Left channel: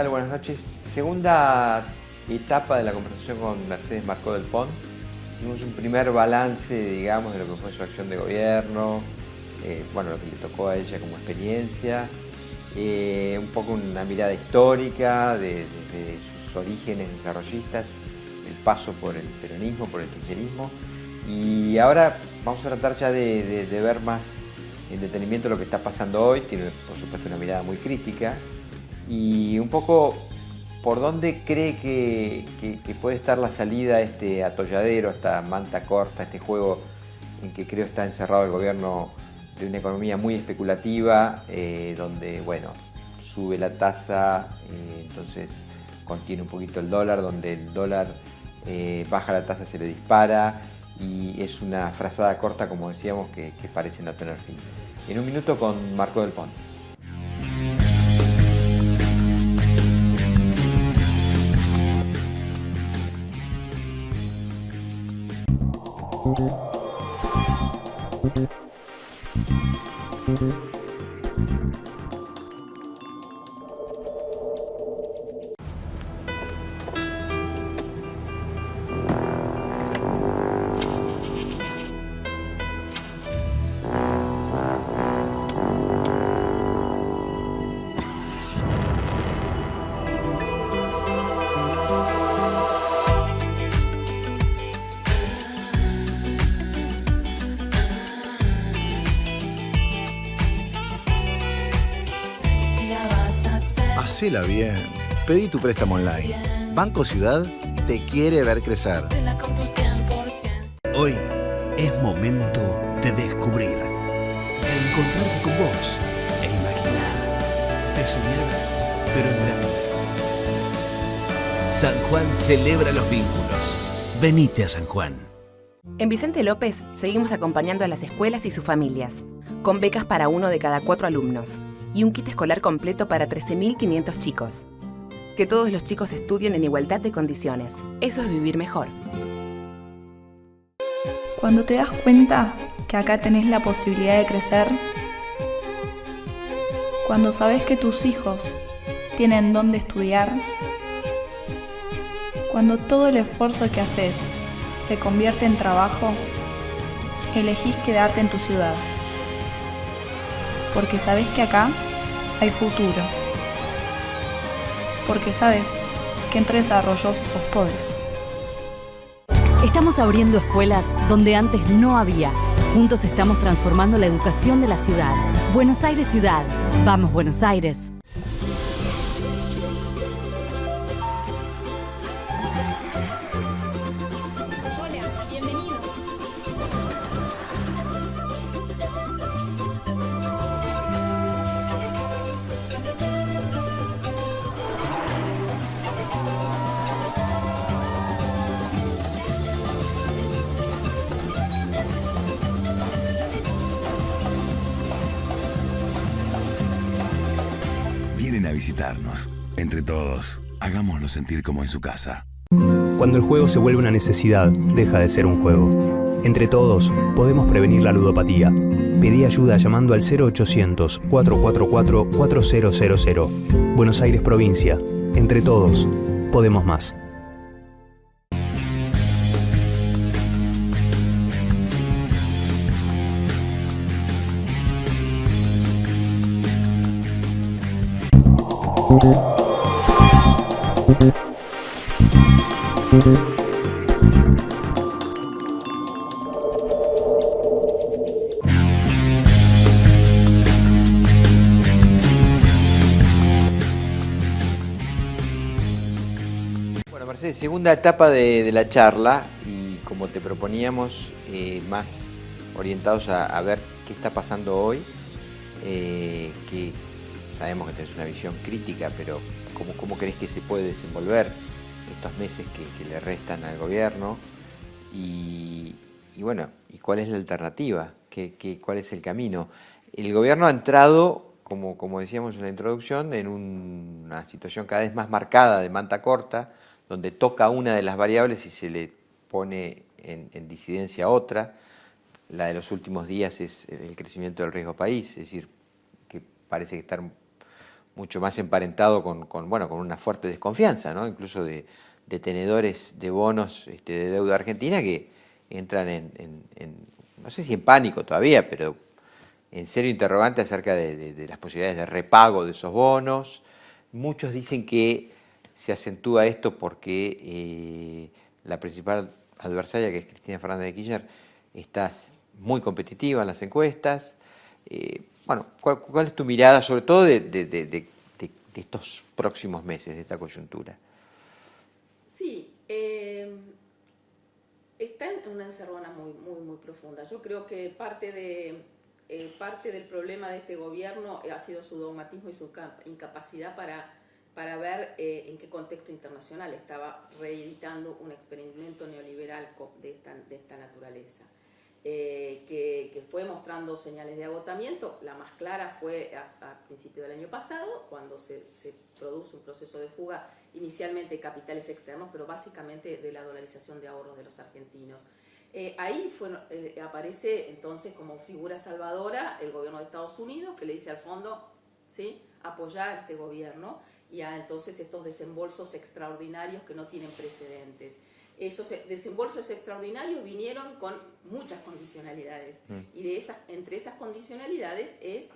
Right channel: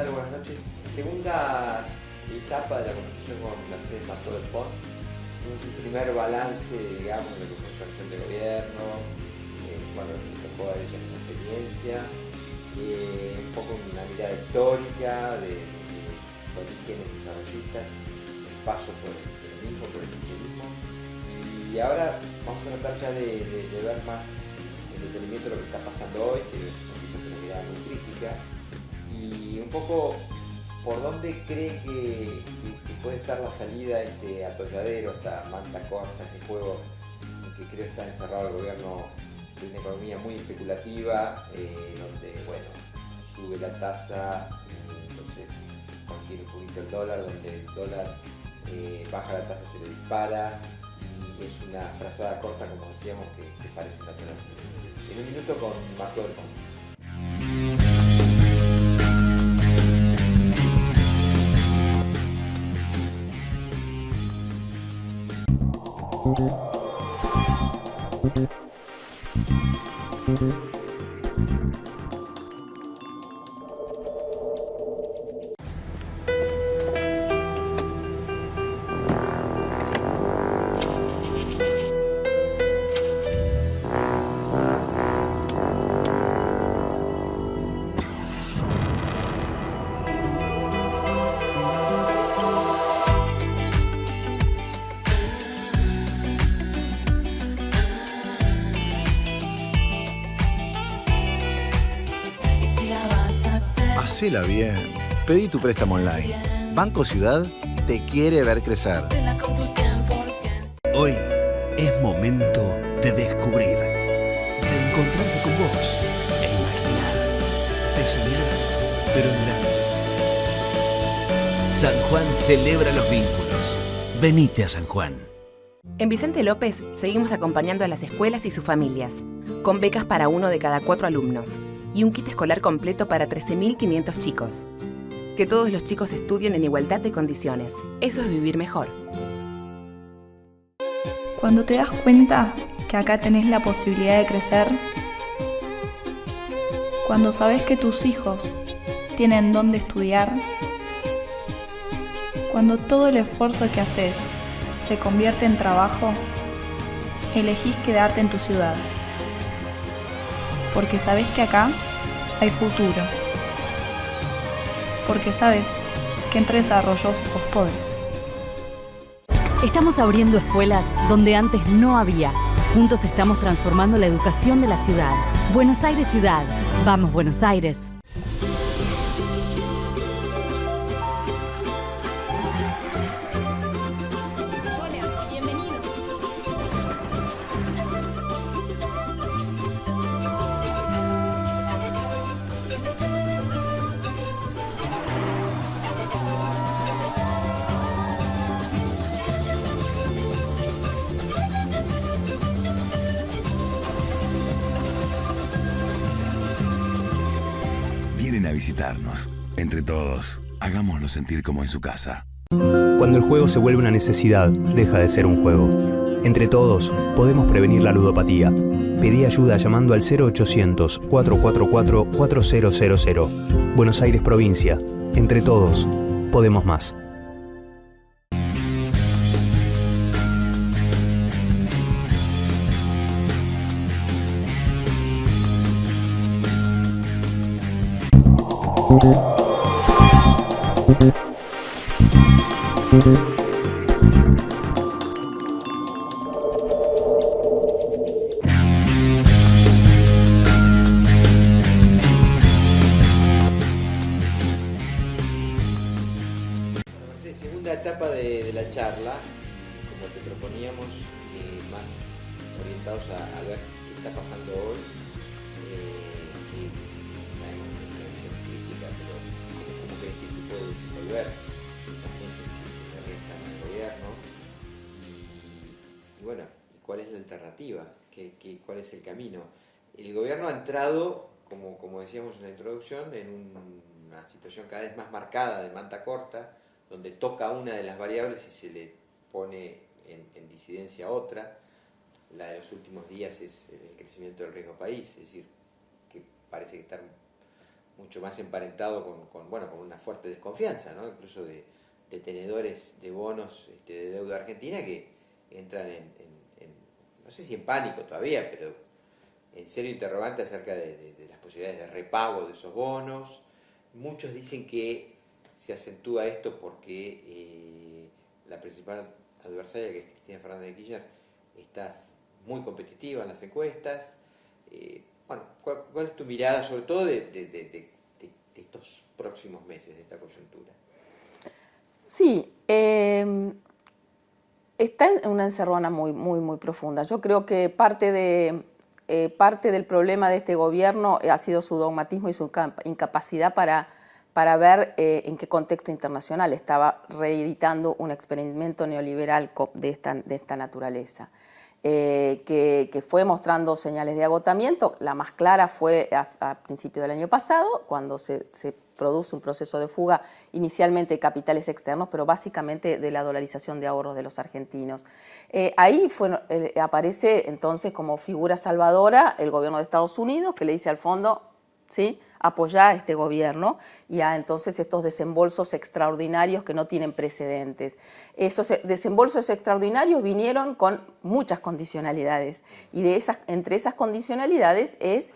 tal? Buenas noches. Segunda etapa de la conversación con Mercedes Marcó del Pont. Tuvimos un primer balance, digamos, de lo que fue su acción de gobierno, bueno, lo que le tocó a ella como experiencia, un poco una mirada histórica de sus orígenes desarrollistas, el paso por el peronismo, por el kirchnerismo. Y ahora vamos a tratar ya de ver más en detenimiento lo que está pasando hoy. Tiene, por supuesto, una mirada muy crítica. Y un poco por dónde cree que puede estar la salida a este atolladero, a esta manta corta, a este juego en que creo está encerrado el gobierno de una economía muy especulativa, donde, bueno, sube la tasa, entonces contiene un poquito el dólar, donde el dólar baja la tasa, se le dispara, y es una frazada corta, como decíamos, que parece no tener fin. En un minuto con Marcó del Pont. Hacela bien. Pedí tu préstamo online. Banco Ciudad te quiere ver crecer. Hoy es momento de descubrir, de encontrarte con vos e imaginar, de soñar, pero en grande. San Juan celebra los vínculos. Venite a San Juan. En Vicente López seguimos acompañando a las escuelas y sus familias, con becas para 1 de cada 4 alumnos y un kit escolar completo para 13.500 chicos. Que todos los chicos estudien en igualdad de condiciones. Eso es vivir mejor. Cuando te das cuenta que acá tenés la posibilidad de crecer, cuando sabes que tus hijos tienen dónde estudiar, cuando todo el esfuerzo que haces se convierte en trabajo, elegís quedarte en tu ciudad. Porque sabes que acá hay futuro. Porque sabes que en Tres Arroyos vos podés. Estamos abriendo escuelas donde antes no había. Juntos estamos transformando la educación de la ciudad. Buenos Aires Ciudad. Vamos, Buenos Aires. Vienen a visitarnos. Entre todos, hagámoslo sentir como en su casa. Cuando el juego se vuelve una necesidad, deja de ser un juego. Entre todos, podemos prevenir la ludopatía. Pedí ayuda llamando al 0800-444-4000. Buenos Aires Provincia. Entre todos, podemos más. Bueno, Mercedes, segunda etapa de la charla, y como te proponíamos, más orientados a ver qué está pasando hoy, que sabemos que tenés una visión crítica, pero ¿cómo crees que se puede desenvolver estos meses que le restan al gobierno? Y bueno, ¿y cuál es la alternativa? ¿Cuál es el camino? El gobierno ha entrado, como decíamos en la introducción, en una situación cada vez más marcada de manta corta, donde toca una de las variables y se le pone en disidencia otra. La de los últimos días es el crecimiento del riesgo país, es decir, que parece que estar mucho más emparentado con una fuerte desconfianza, ¿no? Incluso de tenedores de bonos de deuda argentina que entran no sé si en pánico todavía, pero en serio interrogante acerca de las posibilidades de repago de esos bonos. Muchos dicen que se acentúa esto porque la principal adversaria, que es Cristina Fernández de Kirchner, está muy competitiva en las encuestas. ¿Cuál es tu mirada, sobre todo de estos próximos meses, de esta coyuntura? Sí, está en una encerrona muy profunda. Yo creo que parte del problema de este gobierno ha sido su dogmatismo y su incapacidad para ver en qué contexto internacional estaba reeditando un experimento neoliberal de esta naturaleza. Que fue mostrando señales de agotamiento. La más clara fue a principios del año pasado, cuando se produce un proceso de fuga inicialmente de capitales externos, pero básicamente de la dolarización de ahorros de los argentinos. Ahí aparece entonces como figura salvadora el gobierno de Estados Unidos, que le dice al fondo, ¿sí?, apoyar a este gobierno y a entonces estos desembolsos extraordinarios que no tienen precedentes. Esos desembolsos extraordinarios vinieron con muchas condicionalidades y entre esas condicionalidades es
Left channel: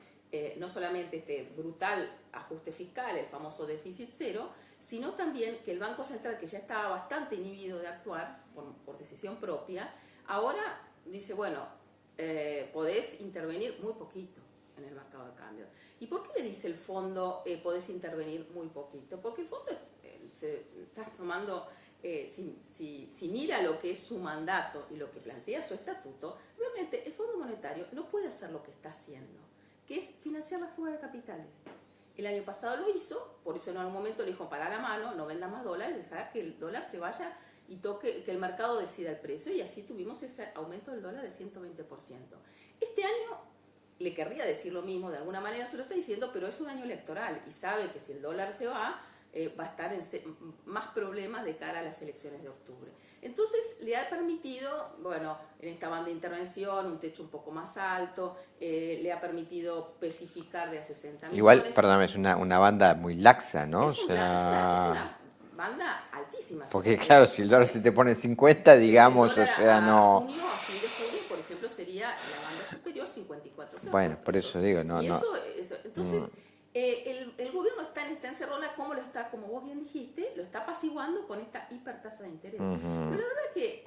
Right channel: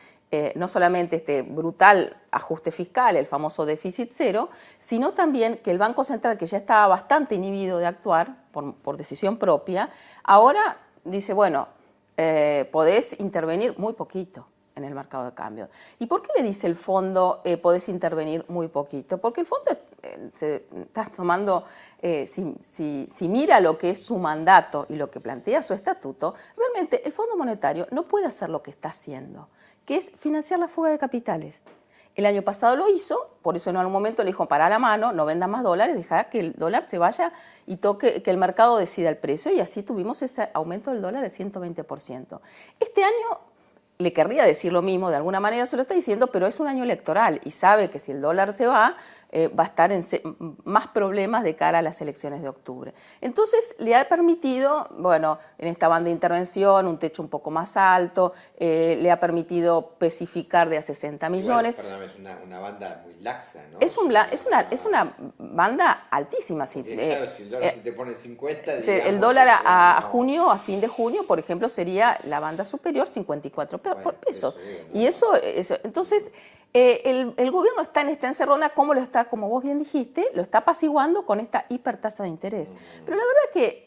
no solamente este brutal ajuste fiscal, el famoso déficit cero, sino también que el Banco Central, que ya estaba bastante inhibido de actuar por decisión propia, ahora dice, bueno, podés intervenir muy poquito en el mercado de cambio. ¿Y por qué le dice el fondo podés intervenir muy poquito? Porque el fondo se está tomando, si mira lo que es su mandato y lo que plantea su estatuto, realmente el Fondo Monetario no puede hacer lo que está haciendo, que es financiar la fuga de capitales. El año pasado lo hizo, por eso en algún momento le dijo, pará la mano, no vendas más dólares, deja que el dólar se vaya y que el mercado decida el precio, y así tuvimos ese aumento del dólar de 120%. Este año le querría decir lo mismo, de alguna manera se lo está diciendo, pero es un año electoral y sabe que si el dólar se va a estar en más problemas de cara a las elecciones de octubre. Entonces le ha permitido, bueno, en esta banda de intervención, un techo un poco más alto, le ha permitido especificar de a 60 millones. Igual, perdóname, es una banda muy laxa, ¿no? Es una banda altísima. Porque claro, si el dólar se te pone en 50, digamos... El dólar a fin de junio, por ejemplo, sería la banda superior 54. Pero bueno, por eso digo, no. Entonces... El gobierno está en esta encerrona, como vos bien dijiste, lo está apaciguando con esta hipertasa de interés. Pero la verdad que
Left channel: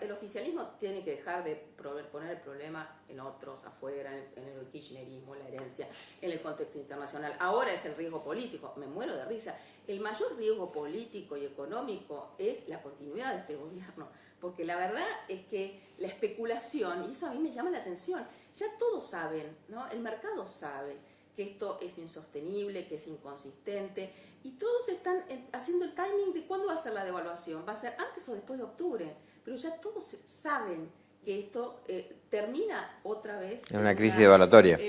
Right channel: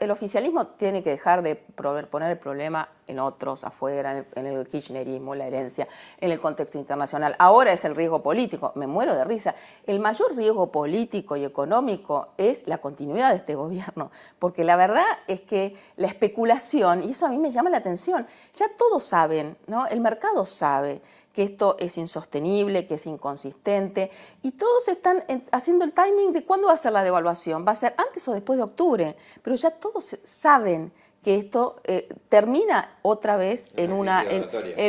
el oficialismo tiene que dejar de poner el problema en otros, afuera, en el kirchnerismo, la herencia, en el contexto internacional. Ahora es el riesgo político, me muero de risa. El mayor riesgo político y económico es la continuidad de este gobierno, porque la verdad es que la especulación, y eso a mí me llama la atención, ya todos saben, ¿no? El mercado sabe que esto es insostenible, que es inconsistente, y todos están haciendo el timing de cuándo va a ser la devaluación. Va a ser antes o después de octubre, pero ya todos saben que esto termina otra vez en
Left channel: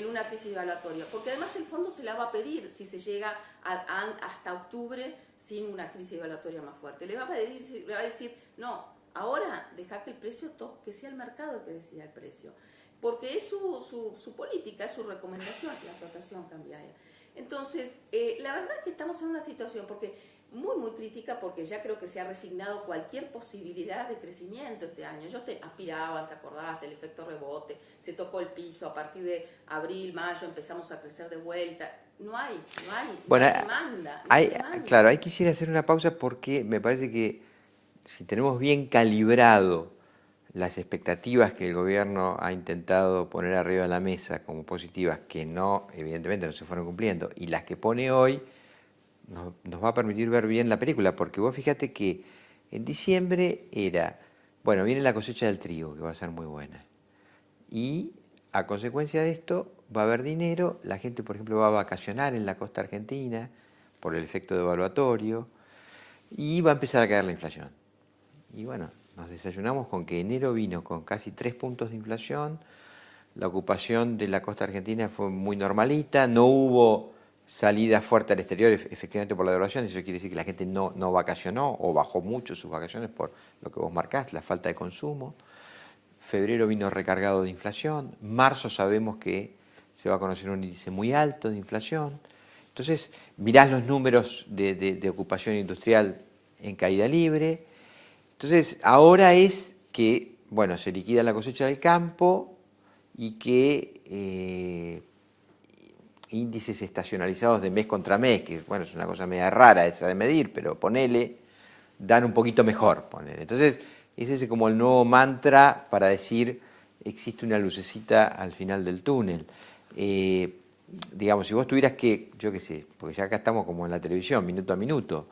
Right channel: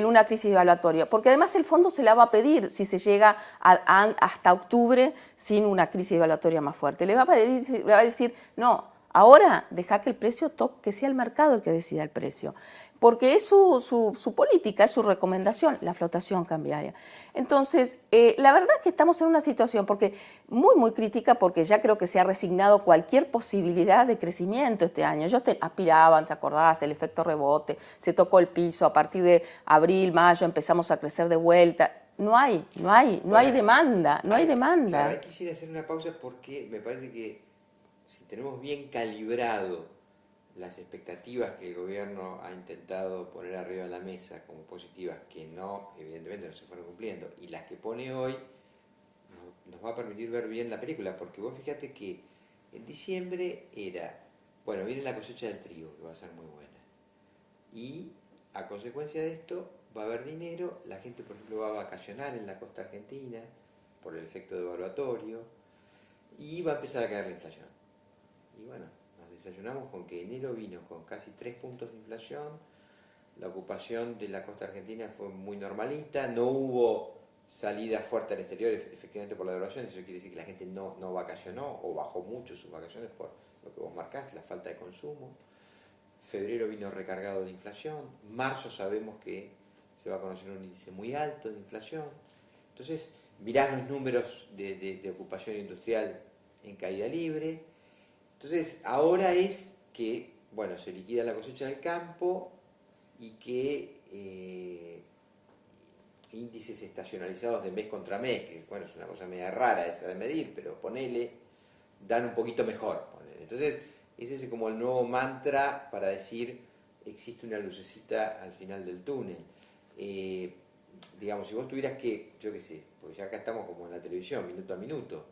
una crisis devaluatoria. Porque además el fondo se la va a pedir si se llega hasta octubre sin una crisis devaluatoria más fuerte. Le va a decir, no, ahora deja que el precio que sea el mercado el que decida el precio. Porque es su política, es su recomendación, la flotación cambiaria. Entonces, la verdad es que estamos en una situación muy crítica, porque ya creo que se ha resignado cualquier posibilidad de crecimiento este año. Ellos aspiraban, ¿te acordás? El efecto rebote, se tocó el piso, a partir de abril, mayo empezamos a crecer de vuelta. No hay demanda, no hay demanda. Claro, ahí quisiera hacer una pausa porque me parece que si tenemos bien calibrado las expectativas que el gobierno ha intentado poner arriba de la mesa como positivas, que evidentemente no se fueron cumpliendo, y las que pone hoy, nos va a permitir ver bien la película, porque vos fíjate que en diciembre viene la cosecha del trigo, que va a ser muy buena, y a consecuencia de esto va a haber dinero, la gente, por ejemplo, va a vacacionar en la costa argentina por el efecto devaluatorio, y va a empezar a caer la inflación. Y bueno, nos desayunamos con que enero vino con casi 3 puntos de inflación, la ocupación de la costa argentina fue muy normalita, no hubo salida fuerte al exterior efectivamente por la devaluación, eso quiere decir que la gente no vacacionó o bajó mucho sus vacaciones por lo que vos marcás, la falta de consumo. Febrero vino recargado de inflación, marzo sabemos que se va a conocer un índice muy alto de inflación, Entonces, mirás los números de ocupación industrial en caída libre. Entonces, ahora es que, bueno, se liquida la cosecha del campo y que índices estacionalizados de mes contra mes, que, bueno, es una cosa media rara esa de medir, pero ponele, dan un poquito mejor, ponele. Entonces, ese es como el nuevo mantra para decir, existe una lucecita al final del túnel. Digamos, si vos tuvieras que, yo qué sé, porque ya acá estamos como en la televisión, minuto a minuto,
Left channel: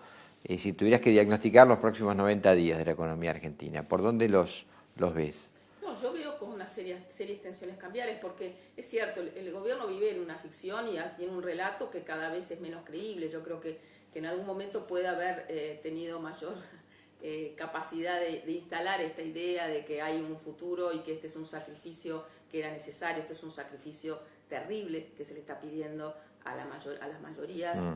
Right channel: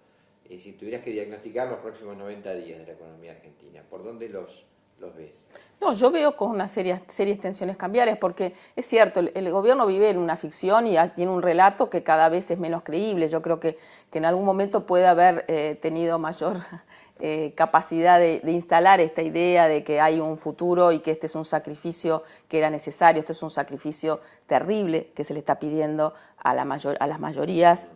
si tuvieras que diagnosticar los próximos 90 días de la economía argentina, ¿por dónde los ves? No, yo veo con una serias tensiones cambiarias, porque es cierto, el gobierno vive en una ficción y tiene un relato que cada vez es menos creíble. Yo creo que en algún momento puede haber tenido mayor capacidad de instalar esta idea de que hay un futuro y que este es un sacrificio que era necesario, este es un sacrificio terrible que se le está pidiendo a las mayorías,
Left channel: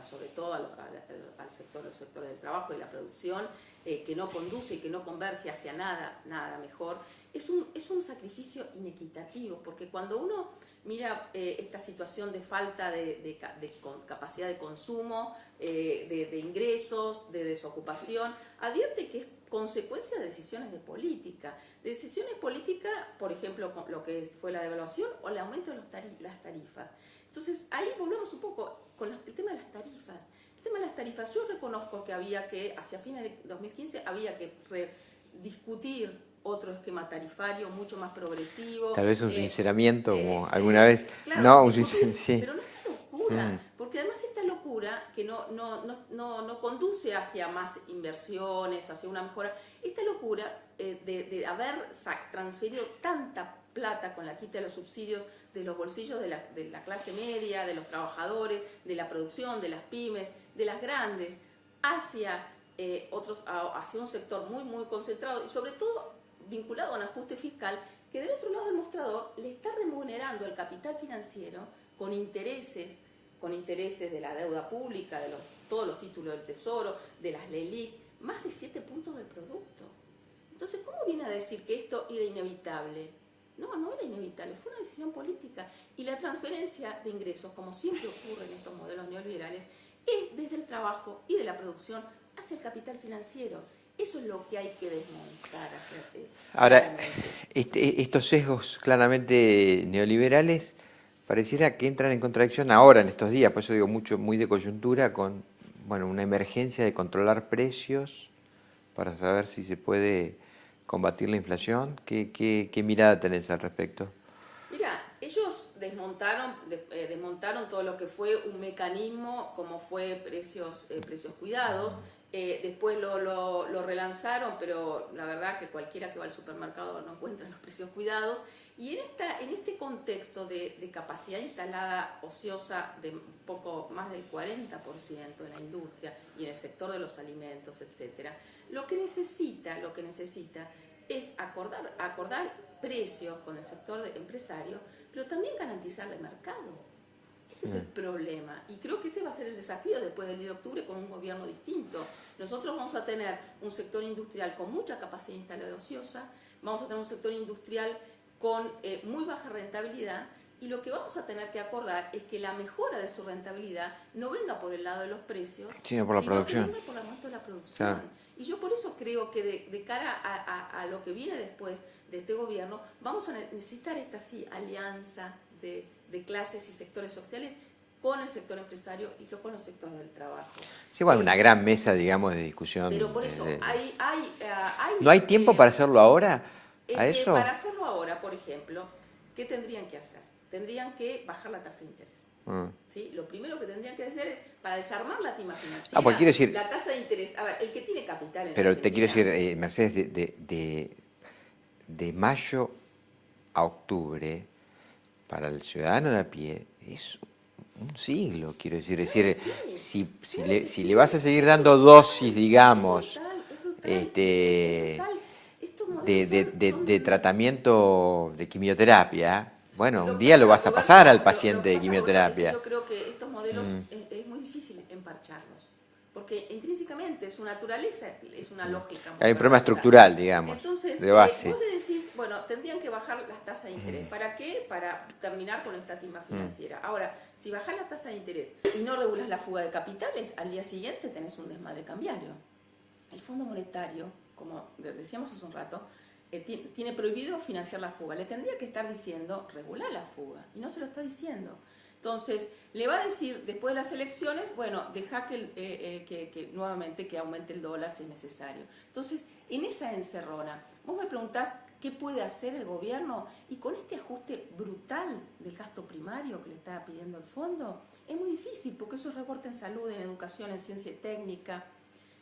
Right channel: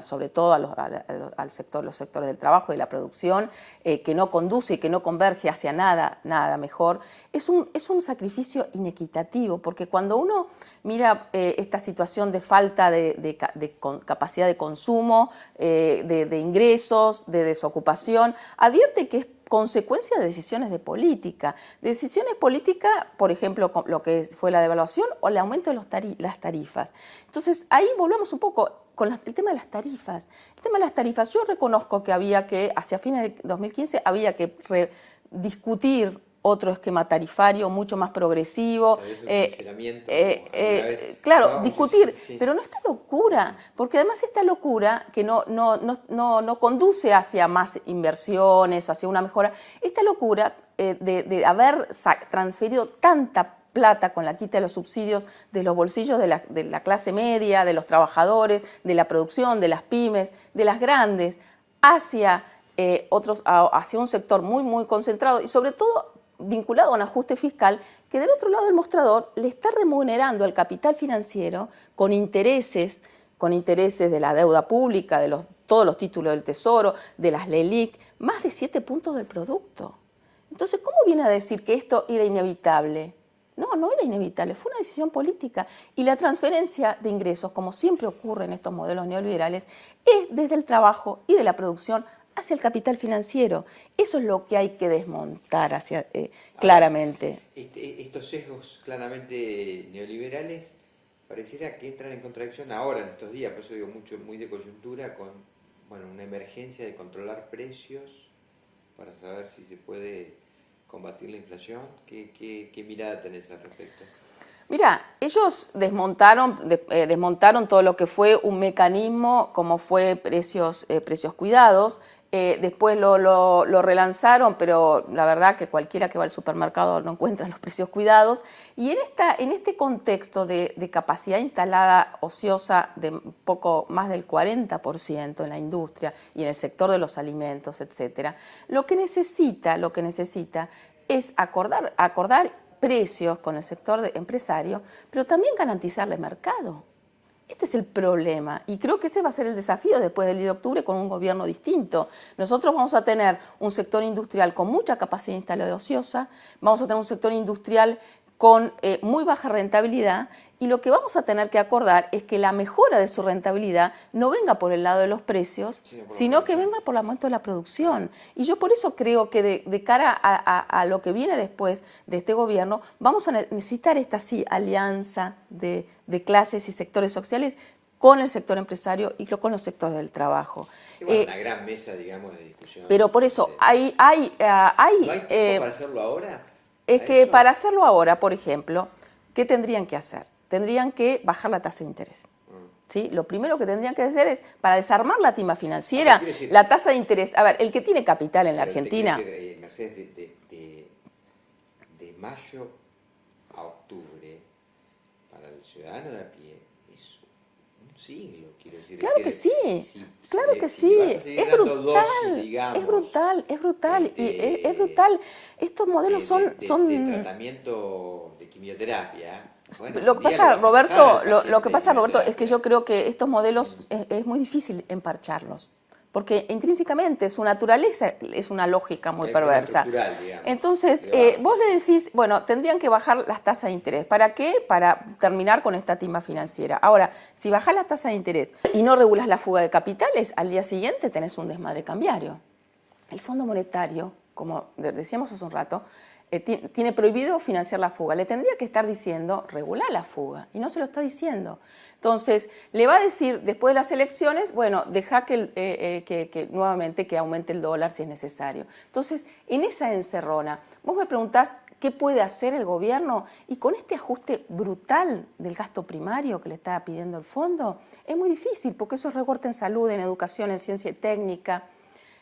sobre todo los sectores del trabajo y la producción, que no conduce y que no converge hacia nada mejor. Es un sacrificio inequitativo, porque cuando uno mira esta situación de falta de capacidad de consumo, de ingresos, de desocupación, advierte que es consecuencia de decisiones de política. Decisiones políticas, por ejemplo, lo que fue la devaluación o el aumento de las tarifas. Entonces, ahí volvemos un poco con el tema de las tarifas. El tema de las tarifas, yo reconozco que hacia fines de 2015, había que discutir otro esquema tarifario mucho más progresivo. Tal vez un sinceramiento, como alguna vez. Claro, no, discutir, sí. pero no esta locura, porque además esta locura que no conduce hacia más inversiones, hacia una mejora, esta locura de haber transferido tanta plata con la quita de los subsidios de los bolsillos de la clase media, de los trabajadores, de la producción, de las pymes, de las grandes, hacia hacia un sector muy, muy concentrado y sobre todo vinculado a un ajuste fiscal que del otro lado del mostrador le está remunerando al capital financiero con intereses de la deuda pública, de todos los títulos del Tesoro, de las LELIQ, más de 7 puntos del producto. Entonces, ¿cómo viene a decir que esto era inevitable? No era inevitable, fue una decisión política. Y la transferencia de ingresos, como siempre ocurre en estos modelos neoliberales, es desde el trabajo y de la producción hacia el capital financiero. Eso es lo que hay que desmontar claramente. Estos sesgos claramente neoliberales pareciera que entran en contradicción ahora, en estos días, por eso digo muy de coyuntura, con una emergencia de controlar precios para saber si se puede combatir la inflación. ¿Qué mirada tenés al respecto? Mira, ellos desmontaron todo lo que fue un mecanismo como fue precios cuidados. Después lo relanzaron, pero la verdad que cualquiera que va al supermercado no encuentra los precios cuidados. Y en este contexto de capacidad instalada ociosa de poco más del 40% en la industria y en el sector de los alimentos, etcétera, lo que necesita es acordar precios con el sector empresario, pero también garantizarle mercado. Este es el problema y creo que ese va a ser el desafío después del 10 de octubre con un gobierno distinto. Nosotros vamos a tener un sector industrial con mucha capacidad instalada ociosa, vamos a tener un sector industrial con muy baja rentabilidad y lo que vamos a tener que acordar es que la mejora de su rentabilidad no venga por el lado de los precios, sino que venga por el aumento de la producción. Claro. Y yo por eso creo que de cara a lo que viene después de este gobierno, vamos a necesitar esta alianza de clases y sectores sociales con el sector empresario y con los sectores del trabajo. Sí, una gran mesa, digamos, de discusión. Pero por eso ¿No hay tiempo para hacerlo ahora? Para hacerlo ahora, por ejemplo, ¿qué tendrían que hacer? Tendrían que bajar la tasa de interés. ¿Sí? Lo primero que tendrían que hacer es, para desarmar la timba financiera, la tasa de interés. A ver, el que tiene capital en la Argentina... Pero te quiero decir, Mercedes, de mayo a octubre, para el ciudadano de a pie, es un siglo, quiero decir. Claro es decir, que si le vas a seguir dando dosis, digamos... Es brutal. Estos modelos son... De tratamiento de quimioterapia... Bueno, un día lo vas a pasar al paciente. Lo que pasa, Roberto, es que yo creo que estos modelos es muy difícil empacharlos. porque intrínsecamente su naturaleza es una lógica muy perversa. Hay un problema estructural, digamos. Entonces, vos le decís, bueno, tendrían que bajar las tasas de interés. ¿Para qué? Para terminar con esta timba financiera. Ahora, si bajás la tasa de interés y no regulás la fuga de capitales, al día siguiente tenés un desmadre cambiario. El Fondo Monetario, como decíamos hace un rato, tiene prohibido financiar la fuga. Le tendría que estar diciendo, regular la fuga, y no se lo está diciendo. Entonces, le va a decir, después de las elecciones, bueno, deja que nuevamente que aumente el dólar si es necesario. Entonces, en esa encerrona, vos me preguntás qué puede hacer el gobierno, y con este ajuste brutal del gasto primario que le está pidiendo el fondo, es muy difícil, porque eso es recorte en salud, en educación, en ciencia y técnica.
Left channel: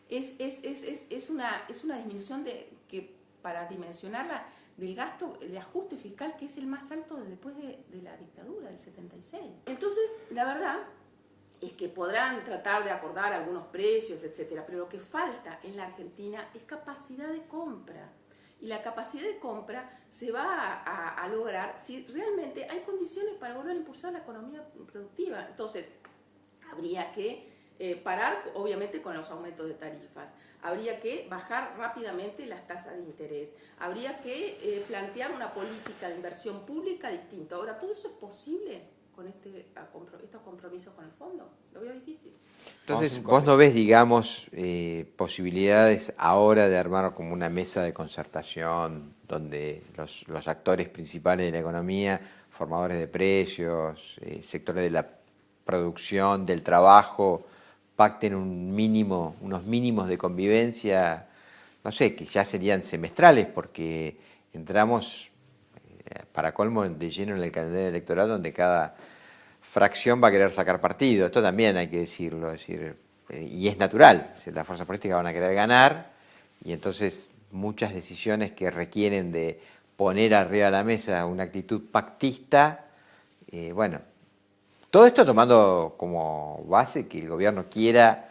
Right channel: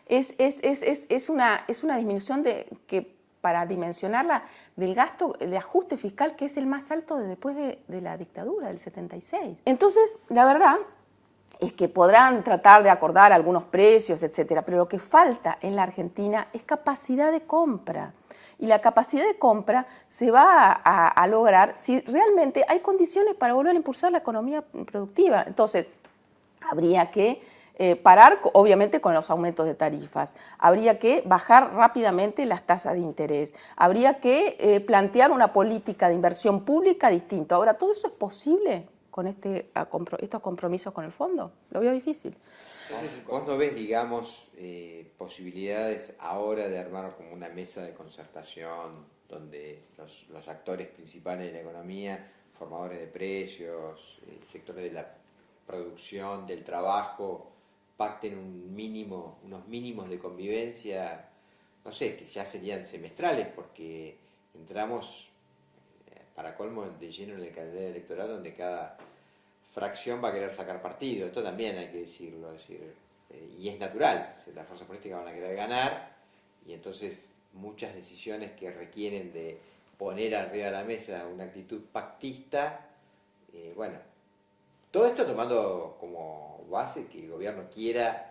Es una disminución que para dimensionarla del gasto de ajuste fiscal que es el más alto después de la dictadura del 76. Entonces, la verdad es que podrán tratar de acordar algunos precios, etcétera, pero lo que falta en la Argentina es capacidad de compra. Y la capacidad de compra se va a lograr si realmente hay condiciones para volver a impulsar la economía productiva. Entonces, habría que parar, obviamente, con los aumentos de tarifas. Habría que bajar rápidamente las tasas de interés. Habría que plantear una política de inversión pública distinta. Ahora, ¿todo eso es posible con estos compromisos con el fondo? Lo veo difícil. Entonces, ¿vos no ves, digamos, posibilidades ahora de armar como una mesa de concertación donde los actores principales de la economía, formadores de precios, sectores de la producción, del trabajo, pacten unos mínimos de convivencia, no sé, que ya serían semestrales, porque entramos, para colmo, de lleno en el calendario electoral, donde cada fracción va a querer sacar partido? Esto también hay que decirlo, y es natural, las fuerzas políticas van a querer ganar, y entonces muchas decisiones que requieren de poner arriba de la mesa una actitud pactista, bueno, todo esto tomando como base que el gobierno quiera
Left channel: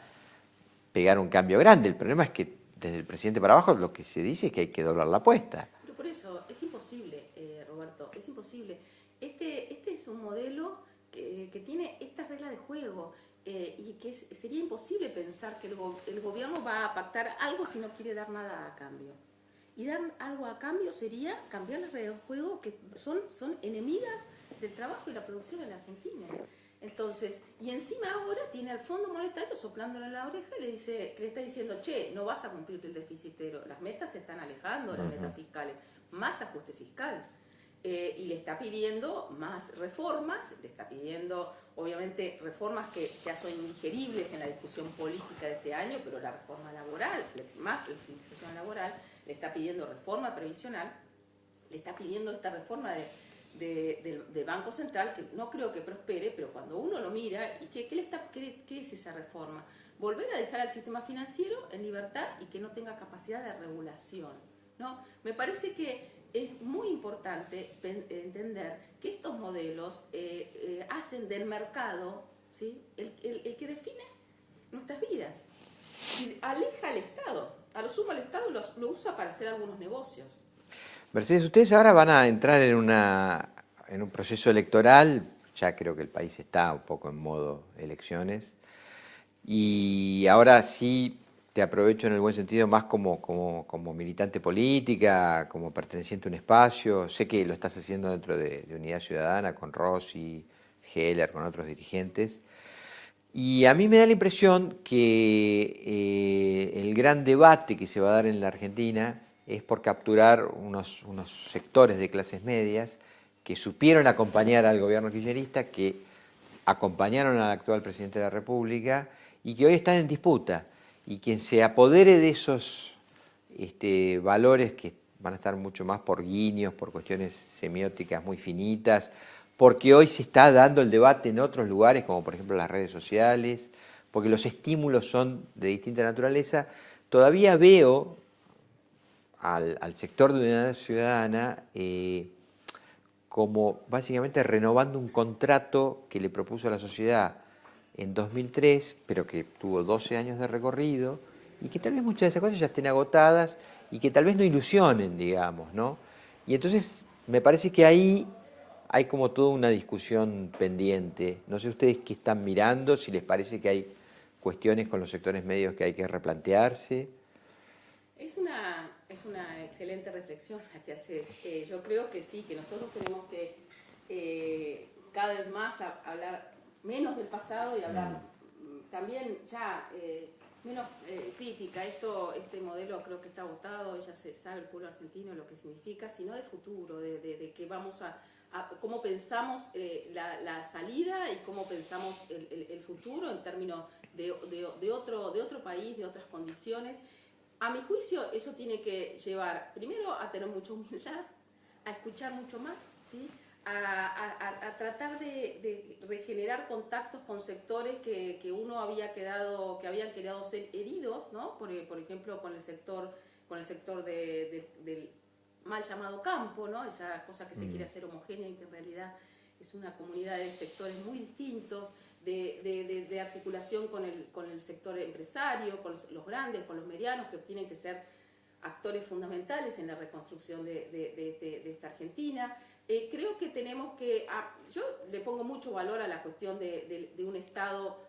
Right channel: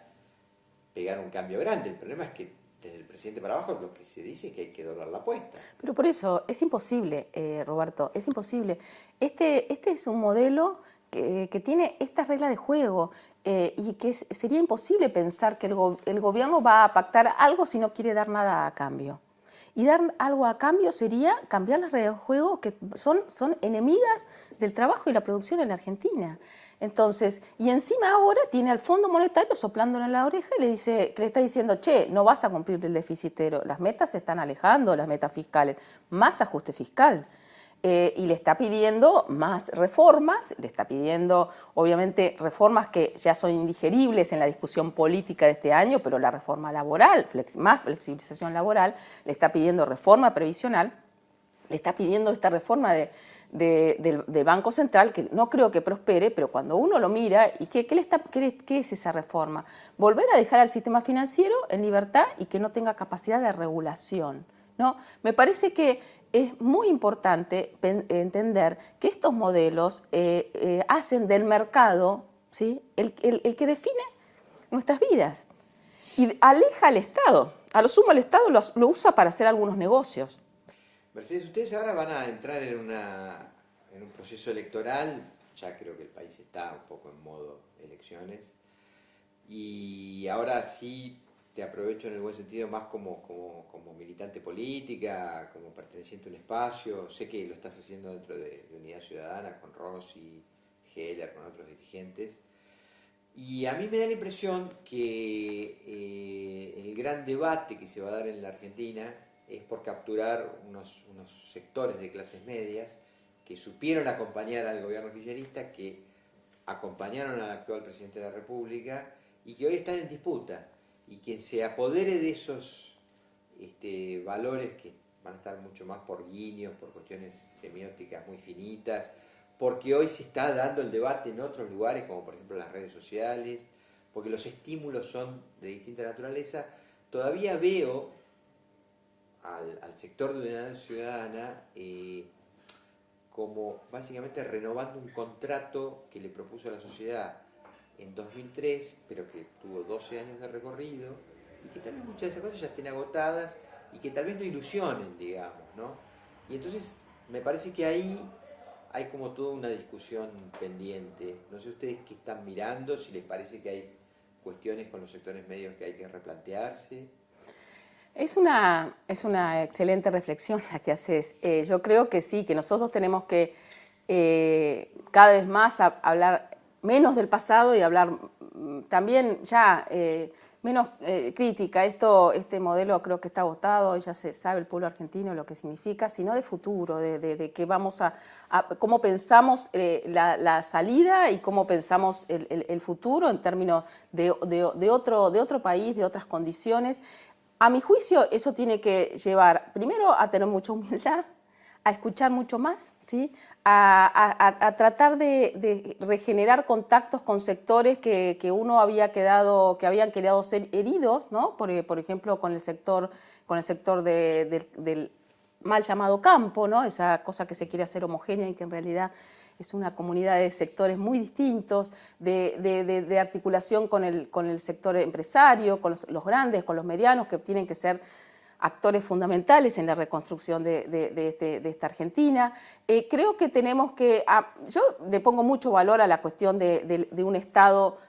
pegar un cambio grande. El problema es que desde el presidente para abajo lo que se dice es que hay que doblar la apuesta. Pero por eso es imposible, Roberto, es imposible. Este es un modelo que tiene estas reglas de juego y que sería imposible pensar que el gobierno va a pactar algo si no quiere dar nada a cambio. Y dar algo a cambio sería cambiar las reglas de juego que son enemigas del trabajo y la producción en la Argentina. Entonces, y encima ahora tiene al Fondo Monetario soplándole en la oreja y le está diciendo, che, no vas a cumplir el déficitero, las metas se están alejando, las metas fiscales, más ajuste fiscal. Y le está pidiendo más reformas, le está pidiendo, obviamente, reformas que ya son indigeribles en la discusión política de este año, pero la reforma laboral, más flexibilización laboral, le está pidiendo reforma previsional, le está pidiendo esta reforma del Banco Central, que no creo que prospere, pero cuando uno lo mira, ¿y qué es esa reforma? Volver a dejar al sistema financiero en libertad y que no tenga capacidad de regulación, ¿no? Me parece que es muy importante entender que estos modelos hacen del mercado, ¿sí?, el que define nuestras vidas y aleja al Estado. A lo sumo el Estado lo usa para hacer algunos negocios. Mercedes, ustedes ahora van a entrar en un proceso electoral, ya creo que el país está un poco en modo elecciones, y ahora sí te aprovecho en el buen sentido más como militante política, como perteneciente a un espacio. Sé que lo estás haciendo dentro de Unidad Ciudadana, con Rossi, Heller, con otros dirigentes. Y a mí me da la impresión que el gran debate que se va a dar en la Argentina es por capturar unos sectores de clases medias que supieron acompañar al gobierno kirchnerista, que acompañaron al actual presidente de la República y que hoy están en disputa. Y quien se apodere de esos valores que van a estar mucho más por guiños, por cuestiones semióticas muy finitas, porque hoy se está dando el debate en otros lugares, como por ejemplo las redes sociales, porque los estímulos son de distinta naturaleza, todavía veo al sector de Unidad Ciudadana como básicamente renovando un contrato que le propuso a la sociedad en 2003, pero que tuvo 12 años de recorrido, y que tal vez muchas de esas cosas ya estén agotadas y que tal vez no ilusionen, digamos, ¿no? Y entonces me parece que ahí hay como toda una discusión pendiente. No sé ustedes qué están mirando, si les parece que hay cuestiones con los sectores medios que hay que replantearse? Es una excelente reflexión la que haces. Yo creo que sí, que nosotros tenemos que cada vez más hablar menos del pasado y hablar también ya menos crítica. Este modelo creo que está agotado, ya se sabe el pueblo argentino lo que significa, sino de futuro, de que vamos a cómo pensamos la salida y cómo pensamos el futuro en términos de otro país, de otras condiciones. A mi juicio, eso tiene que llevar, primero, a tener mucha humildad, a escuchar mucho más, ¿sí? A tratar de regenerar contactos con sectores que habían quedado ser heridos, ¿no? Por ejemplo, con el sector del mal llamado campo, ¿no? Esa cosa que se quiere hacer homogénea y que en realidad es una comunidad de sectores muy distintos, de articulación con el sector empresario, con los grandes, con los medianos, que tienen que ser actores fundamentales en la reconstrucción de esta Argentina. Creo que tenemos que... yo le pongo mucho valor a la cuestión de un Estado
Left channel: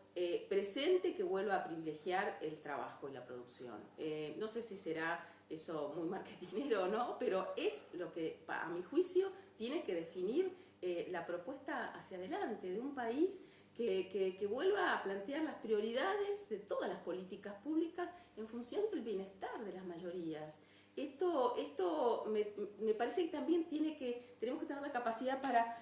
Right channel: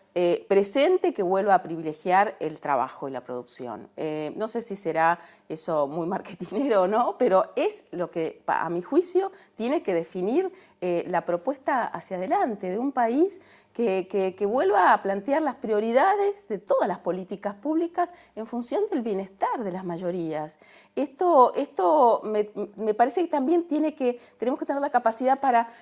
presente que vuelva a privilegiar el trabajo y la producción. No sé si será eso muy marketinero o no, pero es lo que, a mi juicio, tiene que definir la propuesta hacia adelante de un país que vuelva a plantear las prioridades de todas las políticas públicas en función del bienestar de las mayorías. Esto me parece que también tenemos que tener la capacidad para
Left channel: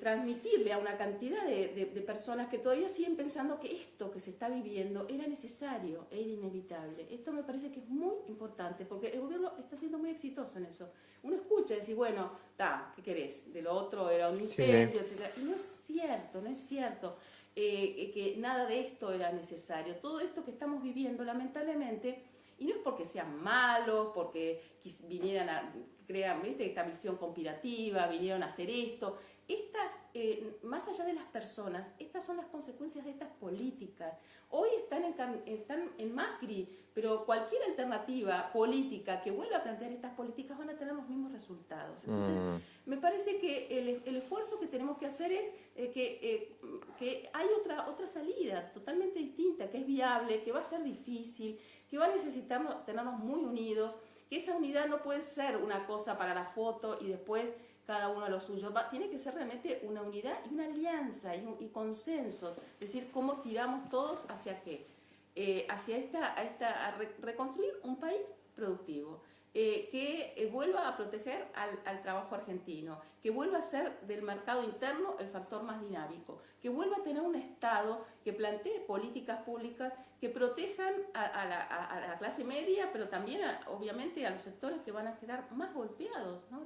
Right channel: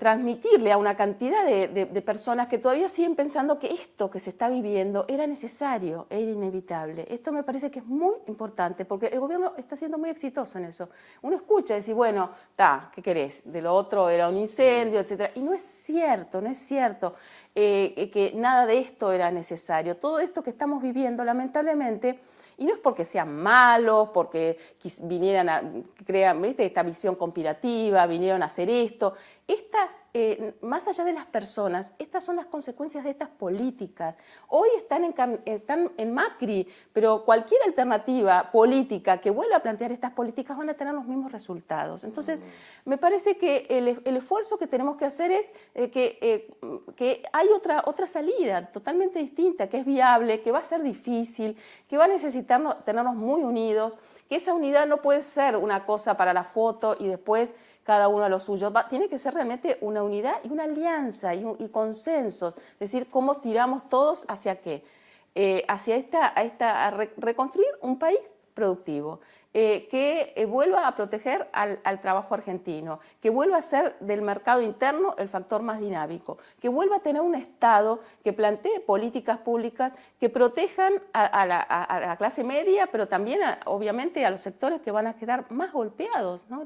transmitirle a una cantidad de personas que todavía siguen pensando que esto que se está viviendo era necesario, era inevitable. Esto me parece que es muy importante porque el gobierno está siendo muy exitoso en eso. Uno escucha y dice, bueno, ¿qué querés? De lo otro era un incendio, sí, etc. Y no es cierto, que nada de esto era necesario. Todo esto que estamos viviendo, lamentablemente, y no es porque sean malos, porque vinieran a crear, ¿viste?, esta visión conspirativa, vinieron a hacer esto. Más allá de las personas, estas son las consecuencias de estas políticas. Hoy están en Macri, pero cualquier alternativa política que vuelva a plantear estas políticas van a tener los mismos resultados. Entonces, me parece que el esfuerzo que tenemos que hacer es que hay otra salida totalmente distinta, que es viable, que va a ser difícil, que va a necesitar tenernos muy unidos, que esa unidad no puede ser una cosa para la foto y después cada uno a lo suyo. Tiene que ser realmente una unidad y una alianza y consensos, es decir, cómo tiramos todos hacia qué, a reconstruir un país productivo, que vuelva a proteger al trabajo argentino, que vuelva a ser del mercado interno el factor más dinámico, que vuelva a tener un Estado que plantee políticas públicas que protejan a la clase media, pero también, obviamente, a los sectores que van a quedar más golpeados, ¿no?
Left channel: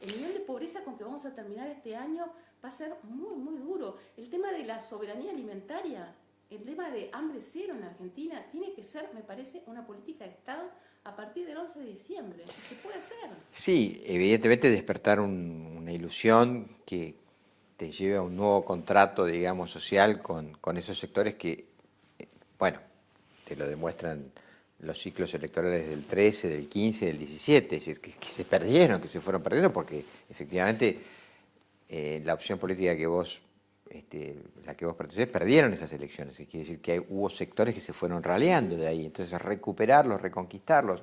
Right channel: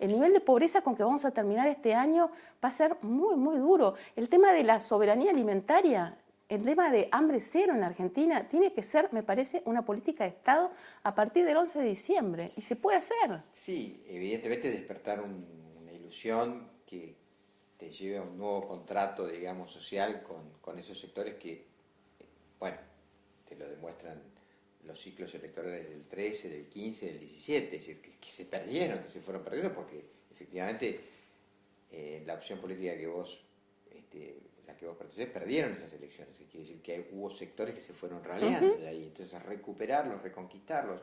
El nivel de pobreza con que vamos a terminar este año va a ser muy, muy duro. El tema de la soberanía alimentaria, el tema de hambre cero en la Argentina, tiene que ser, me parece, una política de Estado a partir del 11 de diciembre. Y se puede hacer. Sí, evidentemente despertar una ilusión que te lleve a un nuevo contrato, digamos, social con esos sectores que, bueno, te lo demuestran los ciclos electorales del 13, del 15, del 17, es decir, que se perdieron, que se fueron perdiendo, porque efectivamente la opción política que vos pertenecés, perdieron esas elecciones. Quiere decir que hubo sectores que se fueron raleando de ahí. Entonces, recuperarlos, reconquistarlos.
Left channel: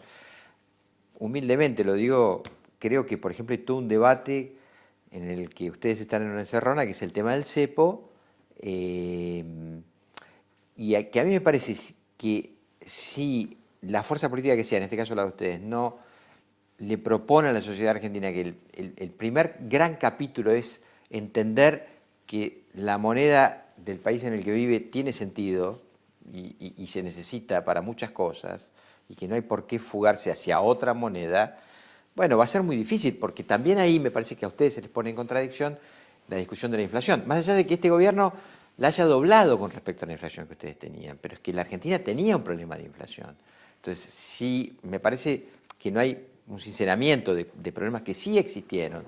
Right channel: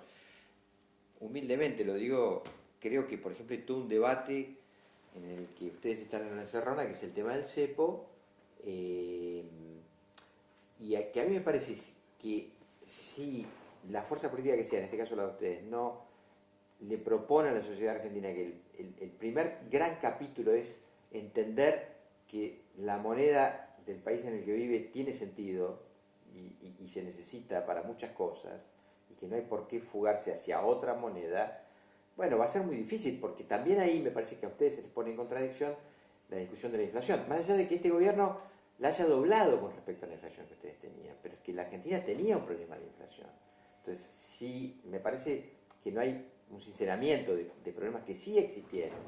Humildemente lo digo, creo que, por ejemplo, hay todo un debate en el que ustedes están en una encerrona, que es el tema del cepo, y que a mí me parece que si la fuerza política que sea, en este caso la de ustedes, no le propone a la sociedad argentina que el primer gran capítulo es entender que la moneda del país en el que vive tiene sentido y se necesita para muchas cosas, y que no hay por qué fugarse hacia otra moneda, bueno, va a ser muy difícil, porque también ahí me parece que a ustedes se les pone en contradicción la discusión de la inflación. Más allá de que este gobierno la haya doblado con respecto a la inflación que ustedes tenían, pero es que la Argentina tenía un problema de inflación. Entonces, sí, me parece que no hay un sinceramiento de problemas que sí existieron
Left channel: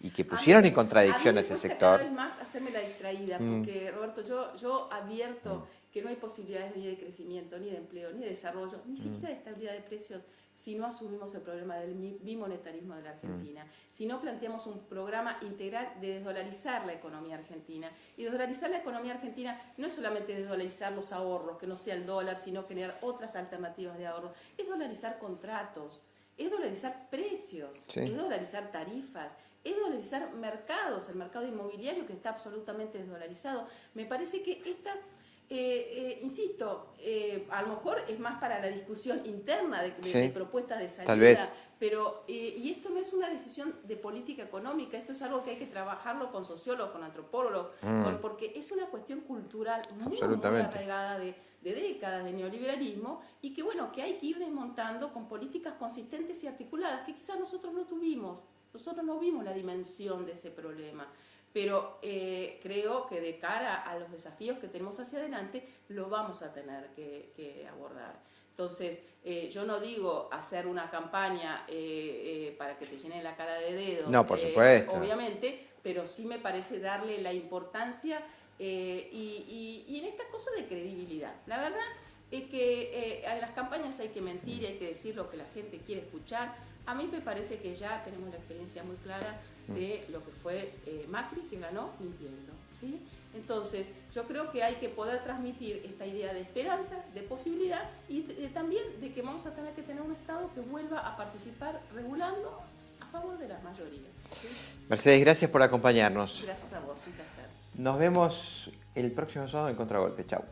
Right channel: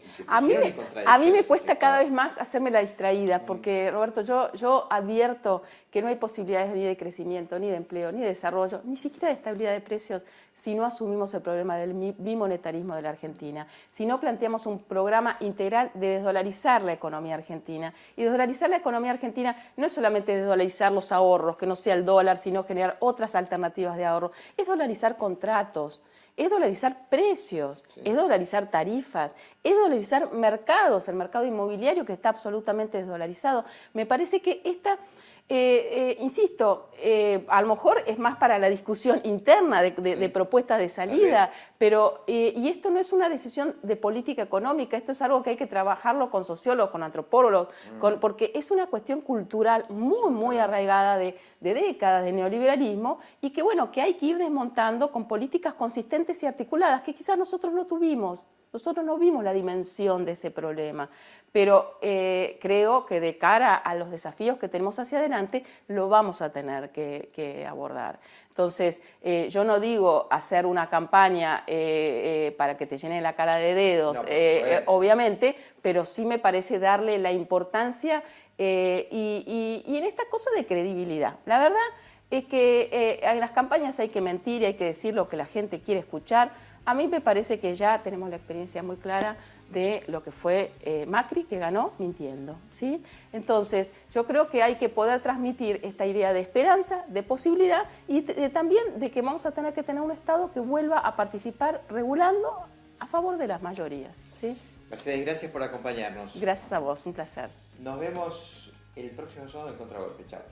y que pusieron en contradicción. A mí me cuesta cada vez más hacerme la distraída, porque, Roberto, yo advierto que no hay posibilidades ni de crecimiento, ni de empleo, ni de desarrollo, ni siquiera de estabilidad de precios si no asumimos el problema del bimonetarismo de la Argentina, si no planteamos un programa integral de desdolarizar la economía argentina. Y desdolarizar la economía argentina no es solamente desdolarizar los ahorros, que no sea el dólar, sino generar otras alternativas de ahorro, es dolarizar contratos, es dolarizar precios, es dolarizar tarifas, es dolarizar mercados, el mercado inmobiliario que está absolutamente desdolarizado. Me parece que esta, insisto, a lo mejor es más para la discusión interna de propuestas de salida, pero y esto no es una decisión de política económica, esto es algo que hay que trabajarlo con sociólogos, con antropólogos, porque es una cuestión cultural muy arraigada de décadas de neoliberalismo y que, bueno, que hay que ir desmontando con políticas consistentes y articuladas que quizás nosotros no tuvimos. Nosotros no vimos la dimensión de ese problema, pero creo que de cara a los desafíos que tenemos hacia adelante lo vamos a tener que abordar. Entonces, yo no digo hacer una campaña para que te llene la cara de dedos, no, obviamente, pero sí me parece darle la importancia y en esta cosa de credibilidad. La verdad es que en las campañas hay que mentir y hay que decir lo que la gente quiere escuchar. A mí me parece que ya tenemos la experiencia muy clara de lo que fue Macri, que ganó mintiendo, ¿sí? Entonces, yo creo que hay que poder transmitir esta idea de esperanza, de posibilidad y también de que vamos a tener que tener un Estado que vuelva a participar regulando a favor de las mayorías, ¿sí? Mercedes, gracias por acompañarnos. Gracias a vos, un placer. Nos vemos el próximo sábado en Contragolpe. Chau.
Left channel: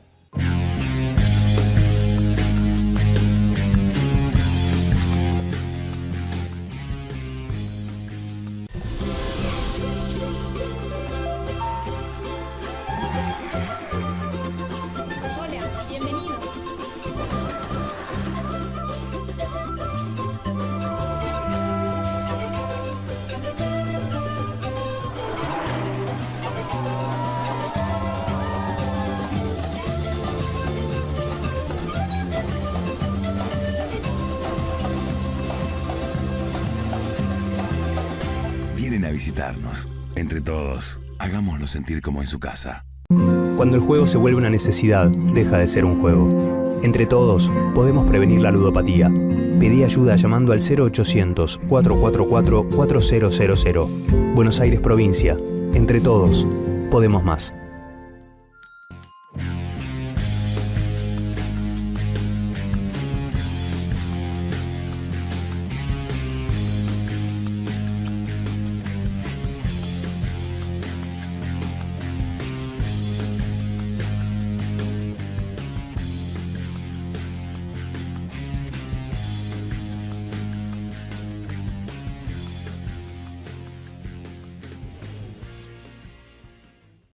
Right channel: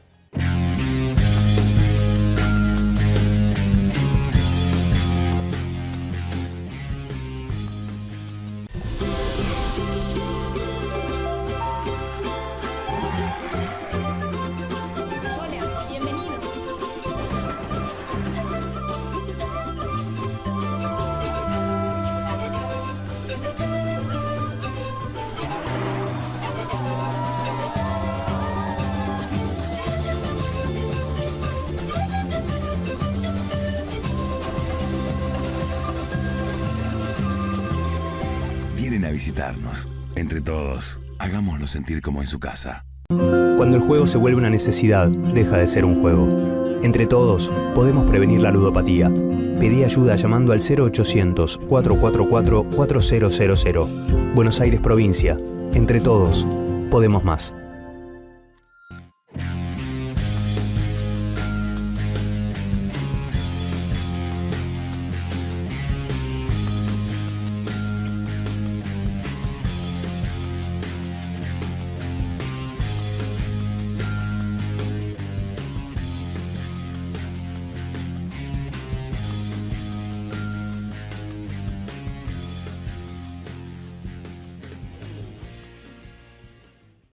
Vienen a visitarnos. Entre todos, hagámoslo sentir como en su casa. Cuando el juego se vuelve una necesidad, deja de ser un juego. Entre todos, podemos prevenir la ludopatía. Pedí ayuda llamando al 0800-444-4000. Buenos Aires, provincia. Entre todos, podemos más.